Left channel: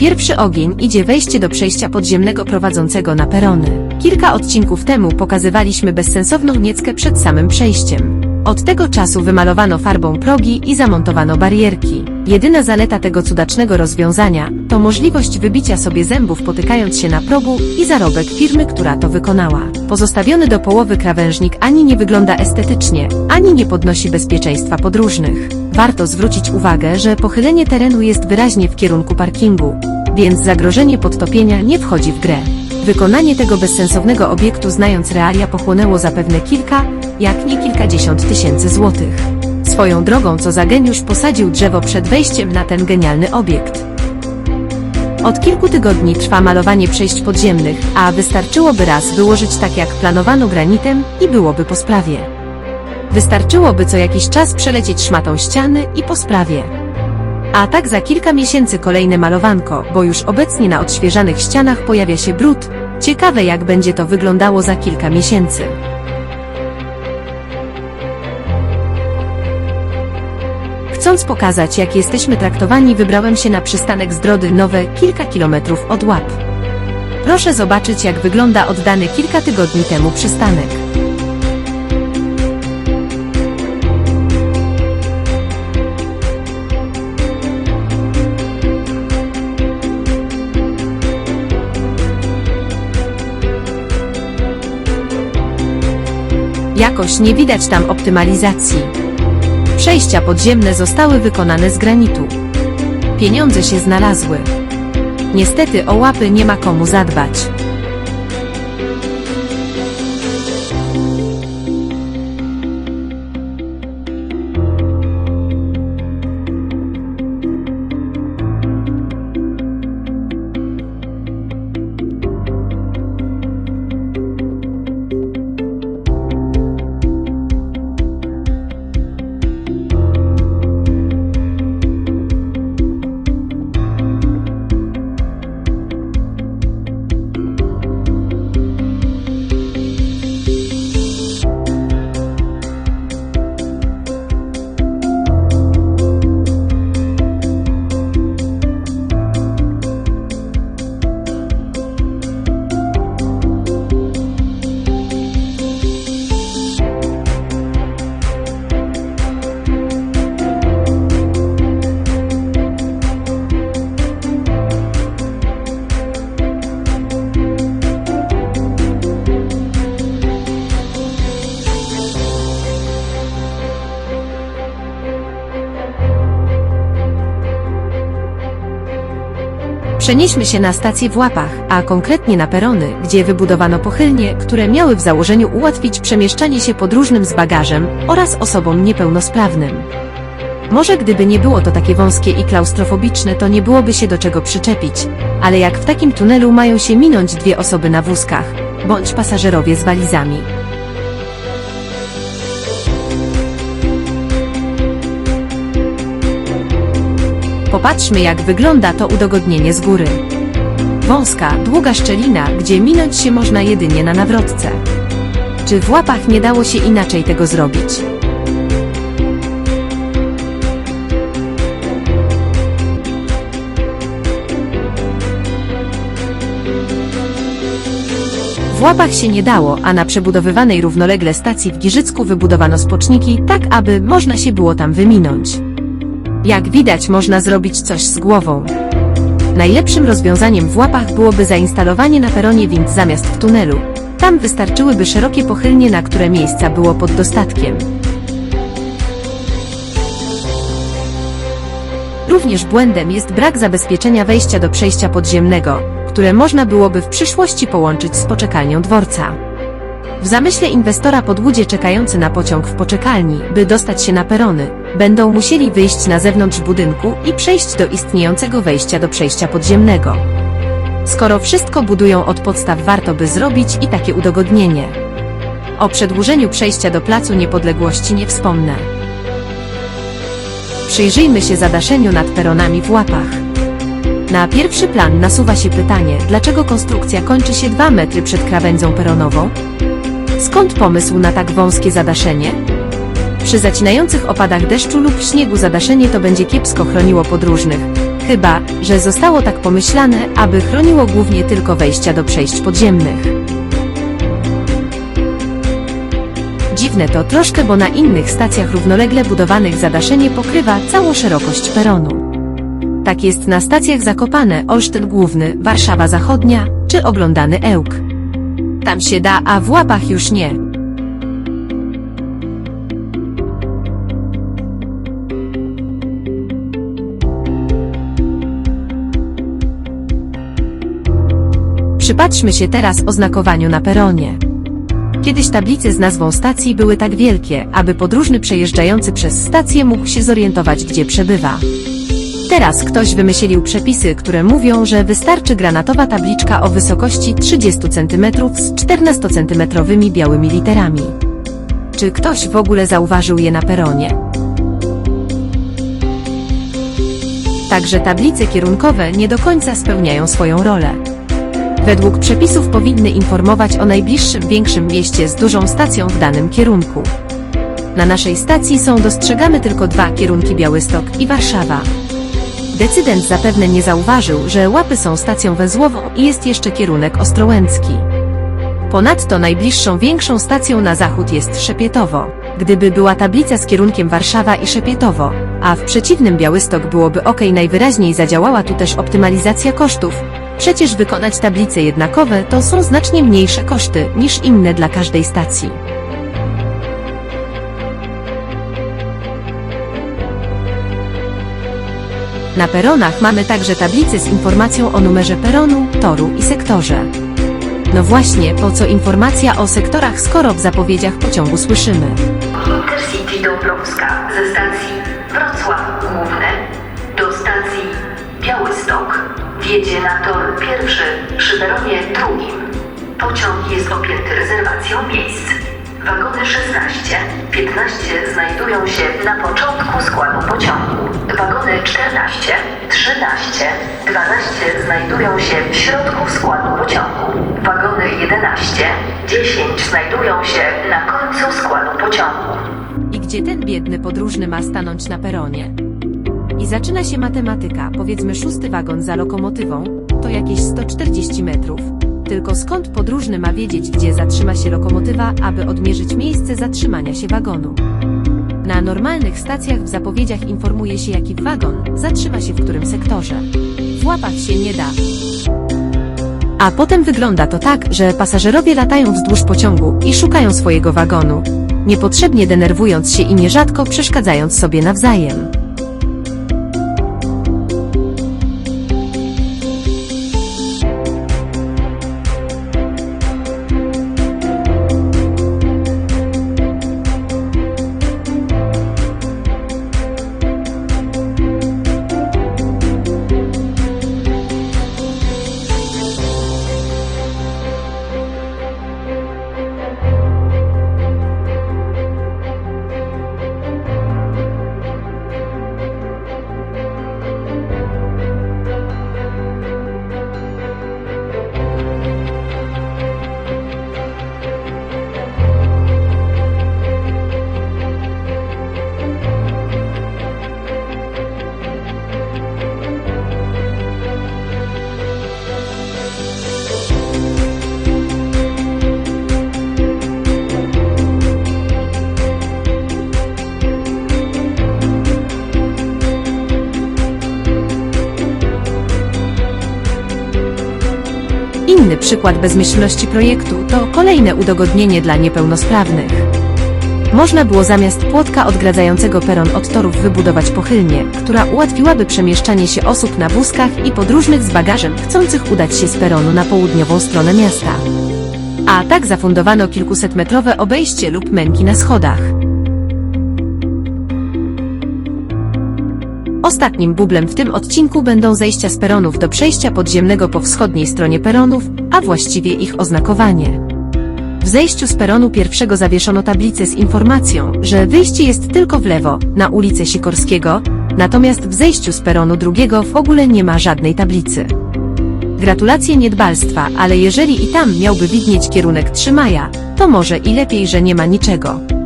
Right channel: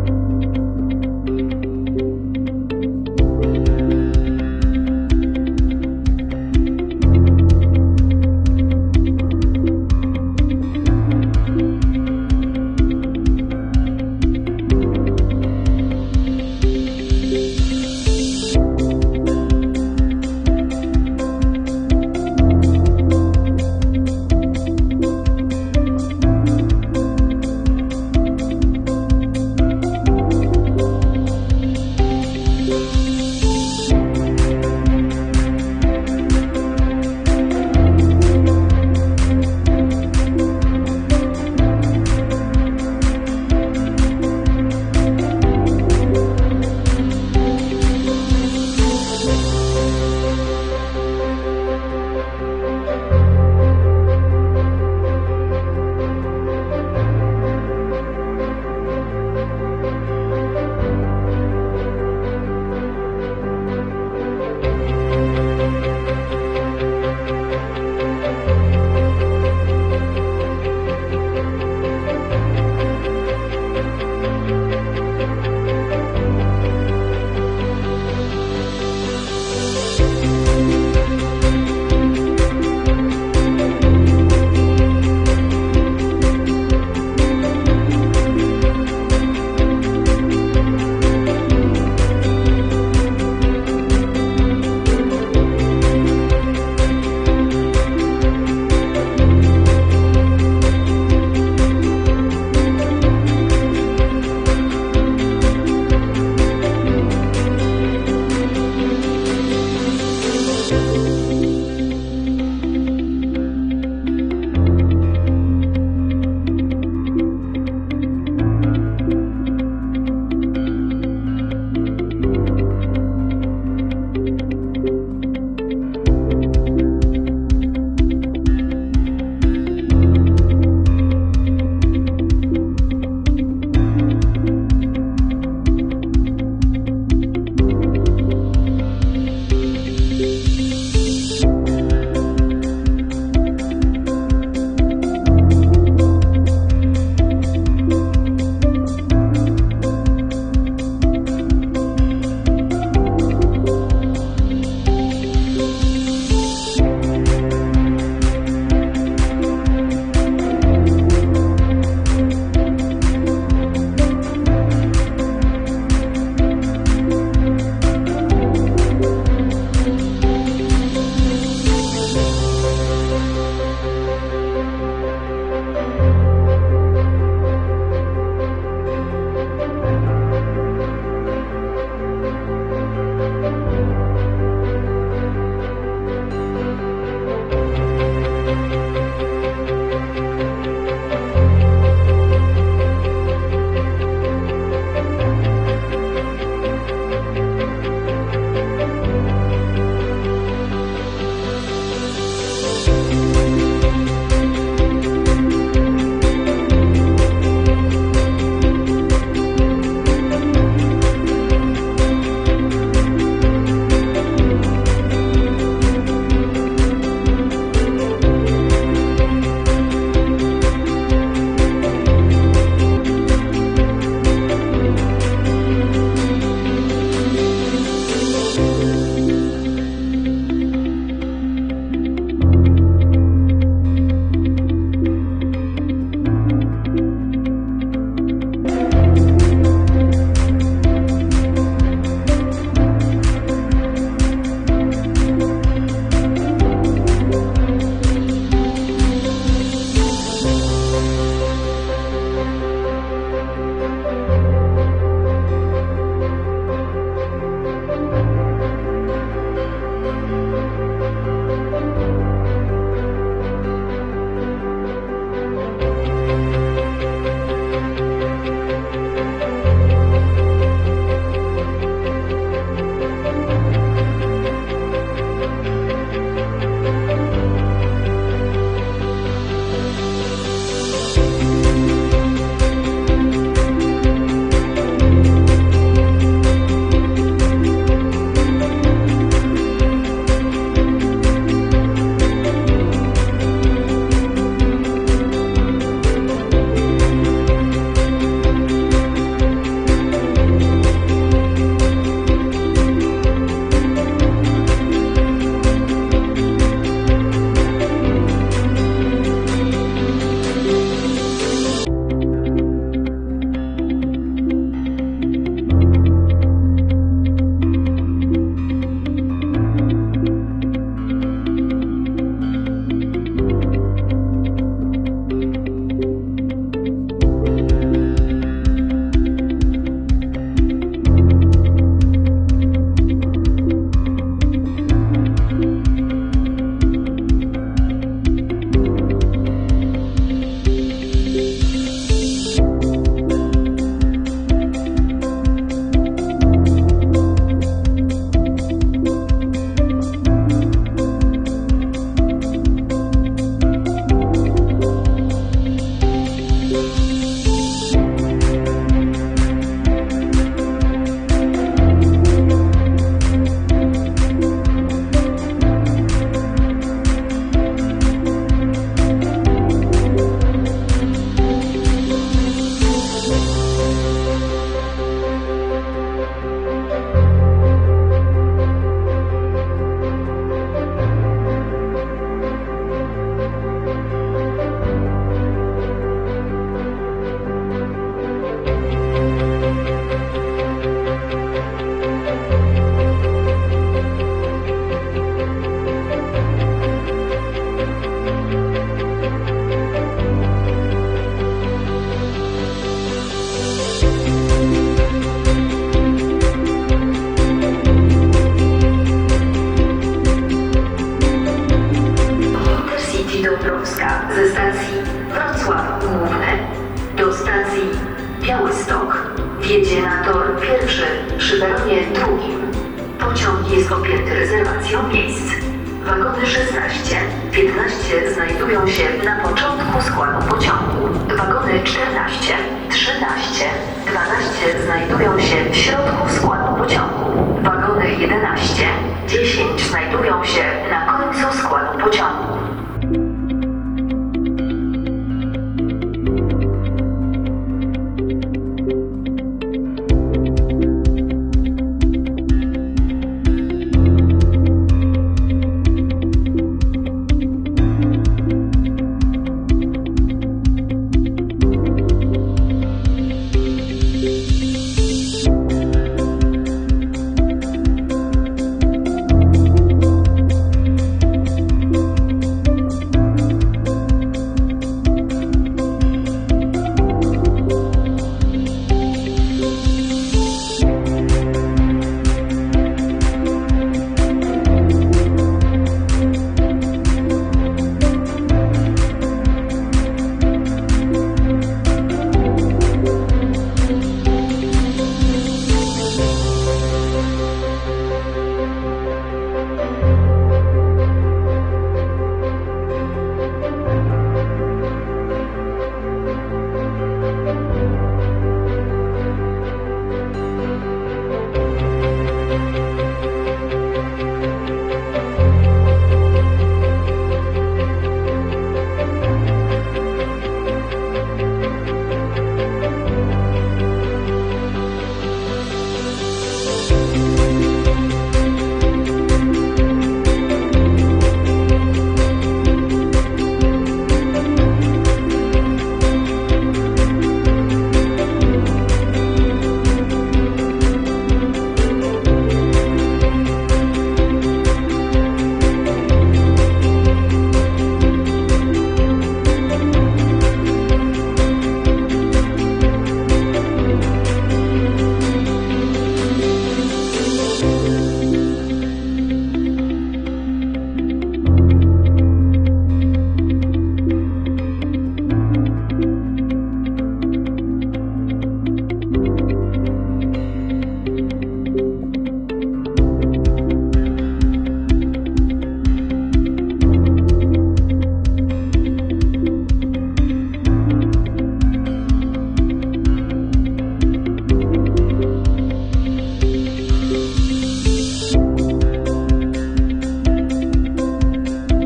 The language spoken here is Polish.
Pierwszy ogień idzie wejście do przejścia podziemnego prowadzącego na perony. Kilka odcinków temu pokazywaliśmy bezsensowną nieckę przed samym przejściem. Od tego czasu wymalowano farbą progi i zamontowano barierki. Jedyna zaleta tego cudacznego rozwiązania to możliwość wybicia sobie zębów potykając się na progu i zarobek firmy, która to wykonała. Pozostawiony do połowy krawężnik ani nie wygląda estetycznie, ani nie podnosi bezpieczeństwa podróżnych. Warto zwrócić uwagę, że pochylenie terenu jest wyraźnie w kierunku parkingu, więc zagrożenie podtopienia nie wchodzi w grę. Wykonanie tego bezsensownego obiektu znając realia pochłonęło zapewne kilka, jak nie kilkadziesiąt tysięcy złotych. Swoją drogą co za geniusz posadził drzewo przed wejściem na ten genialny obiekt. Od kilku tygodni trwa malowanie przejść podziemnych, a wystarczyłoby raz wyłożyć tak jak planowano granitem i byłoby po sprawie. Wystarczyłoby co jakiś czas przelecieć szmatą ściany i po sprawie. A tak za kilka miesięcy kolejne malowanko, bo już obecnie na odświeżanych ścianach pojawia się brud. Ciekawe jak będzie to wyglądało za kilka miesięcy. Chcąc pokazać, jak jesteśmy traktowani, wybrałem się na przystanek Zdrody Nowe, kilka kilometrów od Łap. Proszę zobaczyć, jak wygląda oddany kilka tygodni temu przystanek. Nie widać tam optymalizacji. Przejścia podziemne zostały wykonane z granitu. Pieniądze się znalazły. Niestety o łapy nie ma komu zadbać. Przenieśmy się na stację w Łapach, a konkretnie na perony, gdzie wybudowano pochylnie, które miały w założeniu ułatwić przemieszczanie się podróżnym z bagażem oraz osobom niepełnosprawnym. Może gdyby nie było to takie wąskie i klaustrofobiczne, to nie byłoby się do czego przyczepić, ale jak w takim tunelu mają się minąć dwie osoby na wózkach, bądź pasażerowie z walizami. Popatrzmy jak wygląda to udogodnienie z góry. Wąska, długa szczelina, gdzie minąć się można jedynie na nawrotce. Czy w łapach nie dało się inaczej tego zrobić? W łapach się nie dało, a na przebudowywanej równolegle stacji w Giżycku wybudowano spoczniki, tak aby można się było tam wyminąć. Jak widać, można zrobić coś z głową. Najlepszym rozwiązaniem w łapach byłoby zainstalowanie na peronie wind zamiast w tunelu. Tam wystarczyłyby szerokie pochylnie, na które miejsca było pod dostatkiem. Również błędem jest brak zabezpieczenia wejścia do przejścia podziemnego, które można byłoby w przyszłości połączyć z poczekalnią dworca. W zamyśle inwestora pod ludzie czekający na pociąg w poczekalni, by dostać się na perony, będą musieli wyjść na zewnątrz budynku i przejść do istniejącego wejścia do przejścia podziemnego. Skoro wszystko budują od podstaw, warto by zrobić i takie udogodnienie. O przedłużeniu przejścia do Placu Niepodległości nie wspomnę. Przyjrzyjmy się zadaszeniu nad peronami w łapach. Na pierwszy plan nasuwa się pytanie, dlaczego konstrukcja kończy się 2 metry przed krawędzią peronową? Skąd pomysł na tak wąskie zadaszenie? Przy zacinających opadach deszczu lub śniegu zadaszenie to będzie kiepsko chroniło podróżnych, Chyba, że zostało tak pomyślane, aby chroniło głównie tylko wejścia do przejść podziemnych. Dziwne to troszkę, bo na innych stacjach równolegle budowanych zadaszenie pokrywa całą szerokość peronu. Tak jest na stacjach Zakopane, Olsztyn Główny, Warszawa Zachodnia czy oglądany Ełk. Tam się da, a w łapach już nie. Przypatrzmy się teraz oznakowaniu na peronie. Kiedyś tablice z nazwą stacji były tak wielkie, aby podróżny przejeżdżający przez stację mógł się zorientować, gdzie przebywa. Teraz ktoś wymyślił przepisy, które mówią, że wystarczy granatowa tabliczka o wysokości 30 cm z 14-centymetrowymi białymi literami. Czy ktoś w ogóle zauważył je na peronie? Także tablice kierunkowe nie do końca spełniają swoją rolę. Według przepisów powinny informować o najbliższym większym mieście z dużą stacją w danym kierunku. Na naszej stacji są dostrzegane tylko dwa kierunki Białystok i Warszawa. Decydent zapewne nie zauważył, że Łapy są stacją węzłową i jest jeszcze kierunek Ostrołęcki. Ponadto najbliższą większą stacją na zachód jest Szepietowo. Gdyby była tablica z kierunkiem Warszawa i Szepietowo, a w przeciwnym Białystok byłoby ok, najwyraźniej zadziałała tu też optymalizacja kosztów. Przecież wykonać tablice jednakowe to są znacznie mniejsze koszty niż inne dla każdej stacji. Na peronach mamy także tablice z informacją o numerze peronu, toru i sektorze. No właśnie, po co informacja o sektorach, skoro w zapowiedziach pociągu słyszymy. Intercity Dąbrowska ze stacji Wrocław Główny do stacji Białystok wjedzie na tor pierwszy przy peronie drugim. Pociąg jest objęty rezerwacją miejsc. Wagony 16, 15 znajdują się na początku składu pociągu. Wagony 14, 13, 12 znajdują się w środku składu pociągu. Wagony 11, 10 znajdują się na końcu składu pociągu. I gdzie ten biedny podróżny ma stanąć na peronie? I zaczyna się matematyka, powiedzmy szósty wagon za lokomotywą, to jakieś 140 metrów. Tylko skąd podróżny ma wiedzieć, gdzie zatrzyma się lokomotywa, aby odmierzyć miejsce zatrzymania się wagonu? Na normalnych stacjach w zapowiedziach informuje się, jaki wagon zatrzyma się w którym sektorze. W łapach się nie da. A potem wygląda to tak, że pasażerowie latają wzdłuż pociągu i szukają swojego wagonu, niepotrzebnie denerwując się i nierzadko przeszkadzając sobie nawzajem. Bezmyślności projektu to kolejne udogodnienie dla niepełnosprawnych. Można było zamiast płotka odgradzającego peron od torów wybudować pochylnię, która ułatwiłaby przemieszczanie się osób na wózkach i podróżnych z bagażem chcących udać się z peronu na południową stronę miasta. A tak zafundowano kilkusetmetrowe obejście lub męki na schodach. Ostatnim bublem w tym odcinku będą zejścia z peronów do przejścia podziemnego po wschodniej stronie peronów, a właściwie ich oznakowanie. W zejściu z peronu pierwszego zawieszono tablicę z informacją, że wyjście jest tylko w lewo, na ulicę Sikorskiego, natomiast w zejściu z peronu drugiego w ogóle nie ma żadnej tablicy. Gratulacje niedbalstwa, ale jeżeli i tam miałby widnieć kierunek 3 maja, to może i lepiej, że nie ma niczego.